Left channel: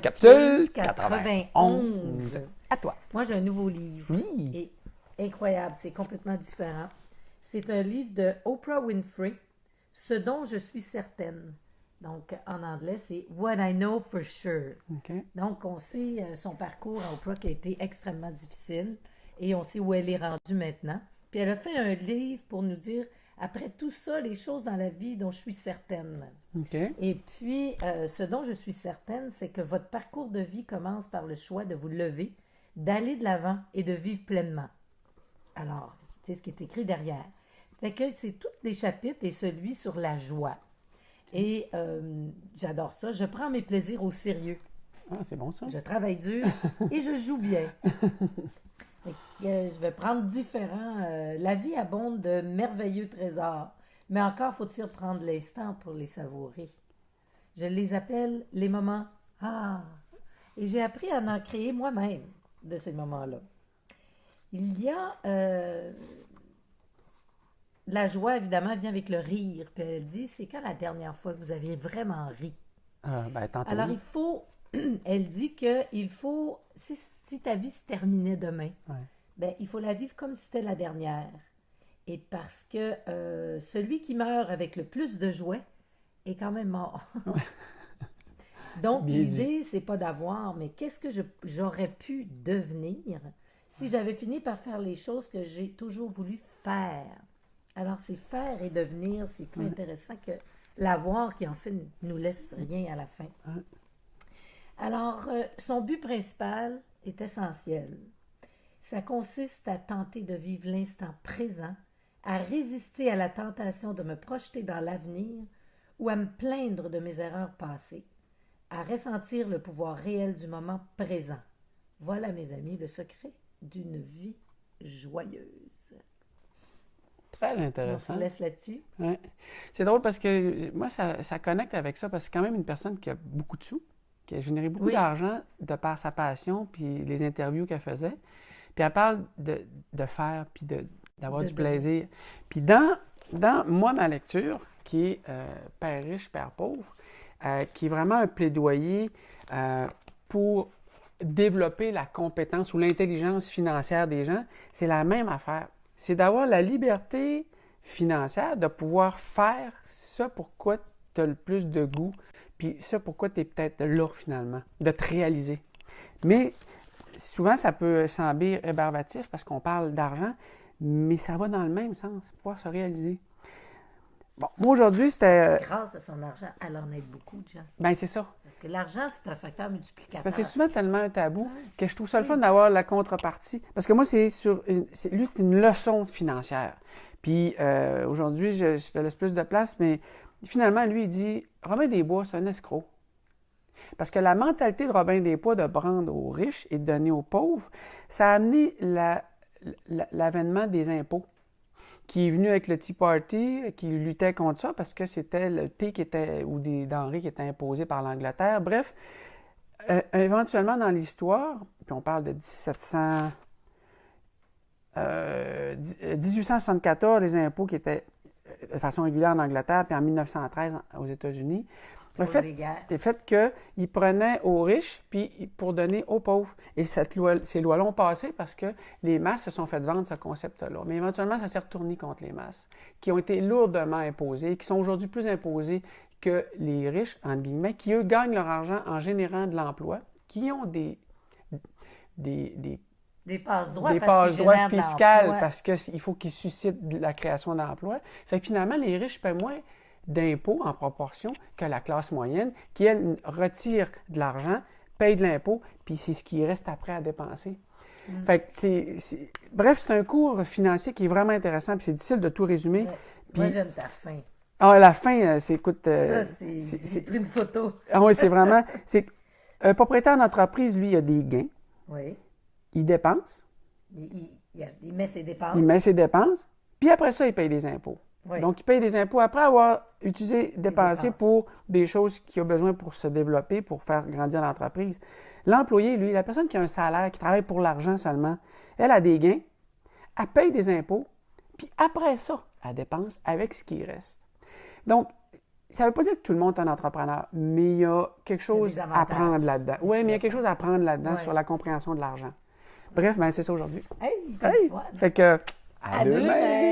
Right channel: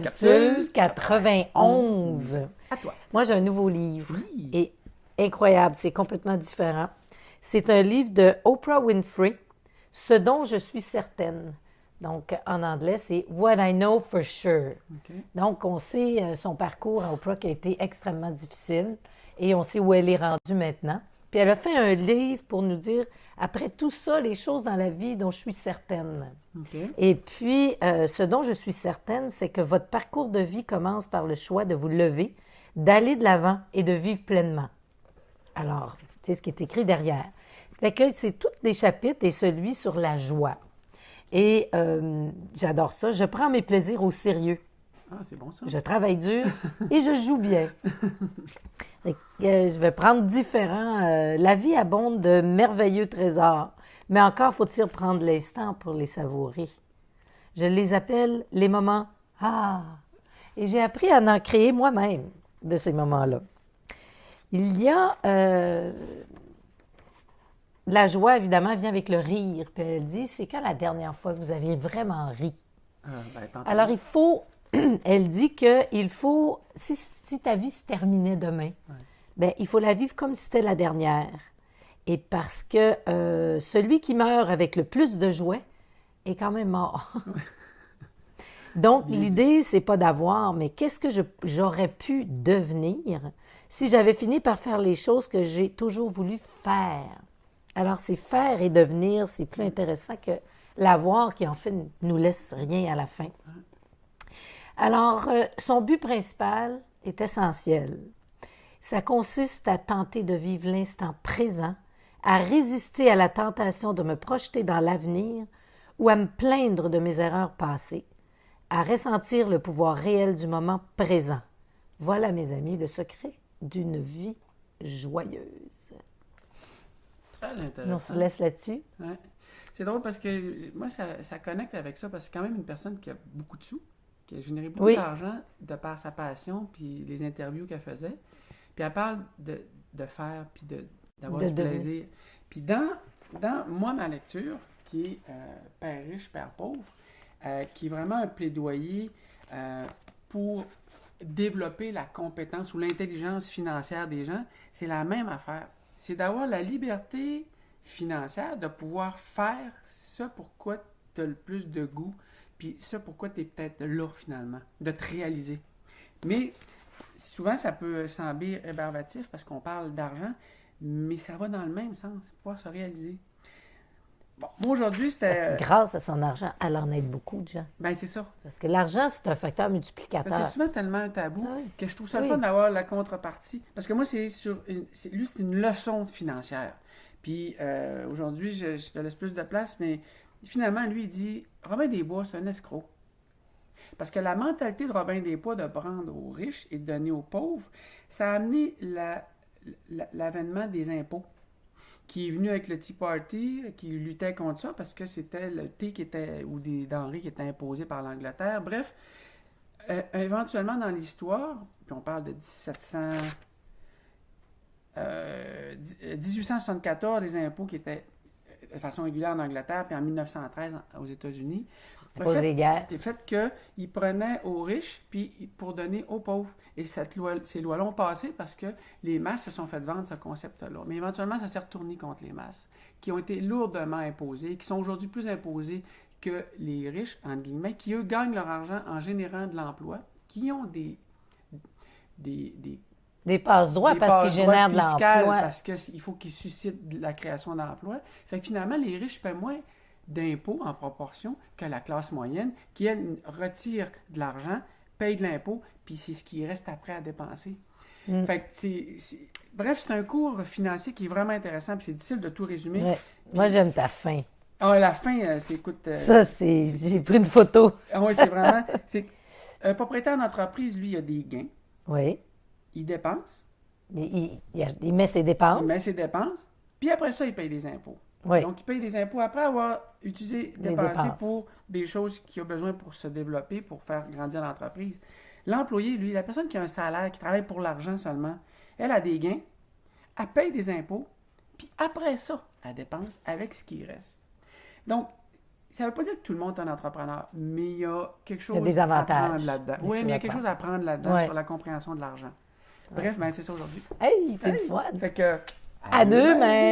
Capsule 91. À toi. Moi, j'ai un nouveau livre. Oui. Et incroyable, c'est complètement différent. C'est un livre de Oprah Winfrey, Ce dont je suis certaine. Donc, en anglais, c'est What I Know for Sure. OK. Donc, on sait son parcours à Oprah qui a été extrêmement difficile et on sait où elle est rendue maintenant. Puis elle a fait un livre pour nous dire, après tout ça, les choses dans la vie dont je suis certaine. OK. Et puis, ce dont je suis certaine, c'est que votre parcours de vie commence par le choix de vous lever, d'aller de l'avant et de vivre pleinement. Alors, c'est ce qui est écrit derrière. Fait que c'est tous les chapitres et celui sur la joie. Et j'adore ça. Je prends mes plaisirs au sérieux. Ah, c'est bon ça. Je travaille dur et je joue bien. Fait que, je vais prendre différents. La vie abonde de merveilleux trésors, mais encore faut-il prendre l'instant pour les savourer. Je les appelle les moments « Ah ». Et j'ai appris à en créer moi-même de ces moments-là. Il y a... la joie, évidemment, vient avec le rire. Puis elle dit, c'est quand la dernière fois que vous avez vraiment ri? Tantôt. Alors, il faut... Elle dit qu'il faut... Si ta vie se terminait demain, Ouais. bien, il faut la vivre comme si c'était la dernière. Et parce que celui qui meurt avec le plus de jouets est quand même mort. Donc, Bien l'idée, c'est pas d'avoir, mais qu'est-ce que j'aurais pu devenir si j'avais fini par faire les choses que j'ai toujours voulu faire? Alors, c'est faire et devenir, c'est plus intéressant que l'avoir qui, en fait, nous laisse rien à la fin. Alors, son but principal est essentiel. Ça consiste à tenter de vivre l'instant présent, à résister à la tentation de me projeter dans l'avenir ou à me plaindre de mes erreurs passées, à ressentir le pouvoir réel du moment présent. Voilà, mes amis, le secret d'une vie joyeuse. Très On intéressant. se laisse là-dessus. Ouais. C'est drôle parce que moi, ça connecte avec ça parce que c'est quand même une personne qui a beaucoup de sous, qui a généré beaucoup Oui. d'argent de par sa passion puis les interviews qu'elle faisait. Puis elle parle de faire puis d'avoir De du devenir. plaisir. Puis dans moi, ma lecture, qui est Père riche, Père pauvre, qui est vraiment un plaidoyer pour développer la compétence ou l'intelligence financière des gens, c'est la même affaire. C'est d'avoir la liberté financière, de pouvoir faire ça pourquoi tu as le plus de goût, puis ça pourquoi tu es peut-être là finalement, de te réaliser. Mais souvent, ça peut sembler rébarbatif parce qu'on parle d'argent, mais ça va dans le même sens, pouvoir se réaliser. Bon, moi aujourd'hui, c'était... Grâce à son argent, elle en aide beaucoup de gens. Ben c'est ça. Parce que l'argent, c'est un facteur C'est multiplicateur. parce que c'est souvent tellement un tabou Ouais. que je trouve ça le Oui. fun d'avoir la contrepartie. Parce que moi, lui, c'est une leçon financière. Puis aujourd'hui, je te laisse plus de place, mais finalement, lui, il dit Robin des Bois, c'est un escroc. Parce que la mentalité de Robin des Bois de prendre aux riches et de donner aux pauvres, ça a amené l'avènement des impôts, qui est venu avec le Tea Party, qui luttait contre ça parce que c'était le thé ou des denrées qui étaient imposées par l'Angleterre. Bref, éventuellement dans l'histoire, puis on parle de 1874, les impôts qui étaient de façon régulière en Angleterre, puis en 1913 aux États-Unis, À cause des guerres. le fait qu'ils prenaient aux riches puis pour donner aux pauvres. Et ces lois-là ont passé parce que les masses se sont fait vendre ce concept-là. Mais éventuellement, ça s'est retourné contre les masses, qui ont été lourdement imposées, qui sont aujourd'hui plus imposées que les riches, entre guillemets, qui, eux, gagnent leur argent en générant de l'emploi, qui ont des Des passe-droits parce qu'ils passe-droits génèrent de fiscales l'emploi. parce qu'il faut qu'ils suscitent de la création d'emplois. Fait que finalement, les riches paient moins d'impôts en proportion que la classe moyenne, qui, elle, retire de l'argent, paye de l'impôt, puis c'est ce qui reste après à dépenser. Fait que bref, c'est un cours financier qui est vraiment intéressant, puis c'est difficile de tout résumer. Ouais. Puis- Moi, j'aime ta fin. Ah, la fin, écoute... Ça, j'ai pris une photo. Ah oui, c'est vraiment... Un propriétaire d'entreprise, lui, il a des gains, Oui. il dépense, Il met ses dépenses. il met ses dépenses, puis après ça, il paye des impôts. Oui. Donc, il paye des impôts après avoir utilisé, dépensé dépenses. pour des choses qu'il a besoin pour se développer, pour faire grandir l'entreprise. L'employé, lui, la personne qui a un salaire, qui travaille pour l'argent seulement, elle a des gains, elle paye des impôts, puis après ça, elle dépense avec ce qui reste. Donc, ça ne veut pas dire que tout le monde est un entrepreneur, mais il y a quelque chose des à avantages. prendre là-dedans. Oui, mais il y a quelque chose à prendre là-dedans Ouais. sur la compréhension de l'argent. Bref, ben, c'est ça aujourd'hui. Hey, c'est le fun. Fait que, À demain!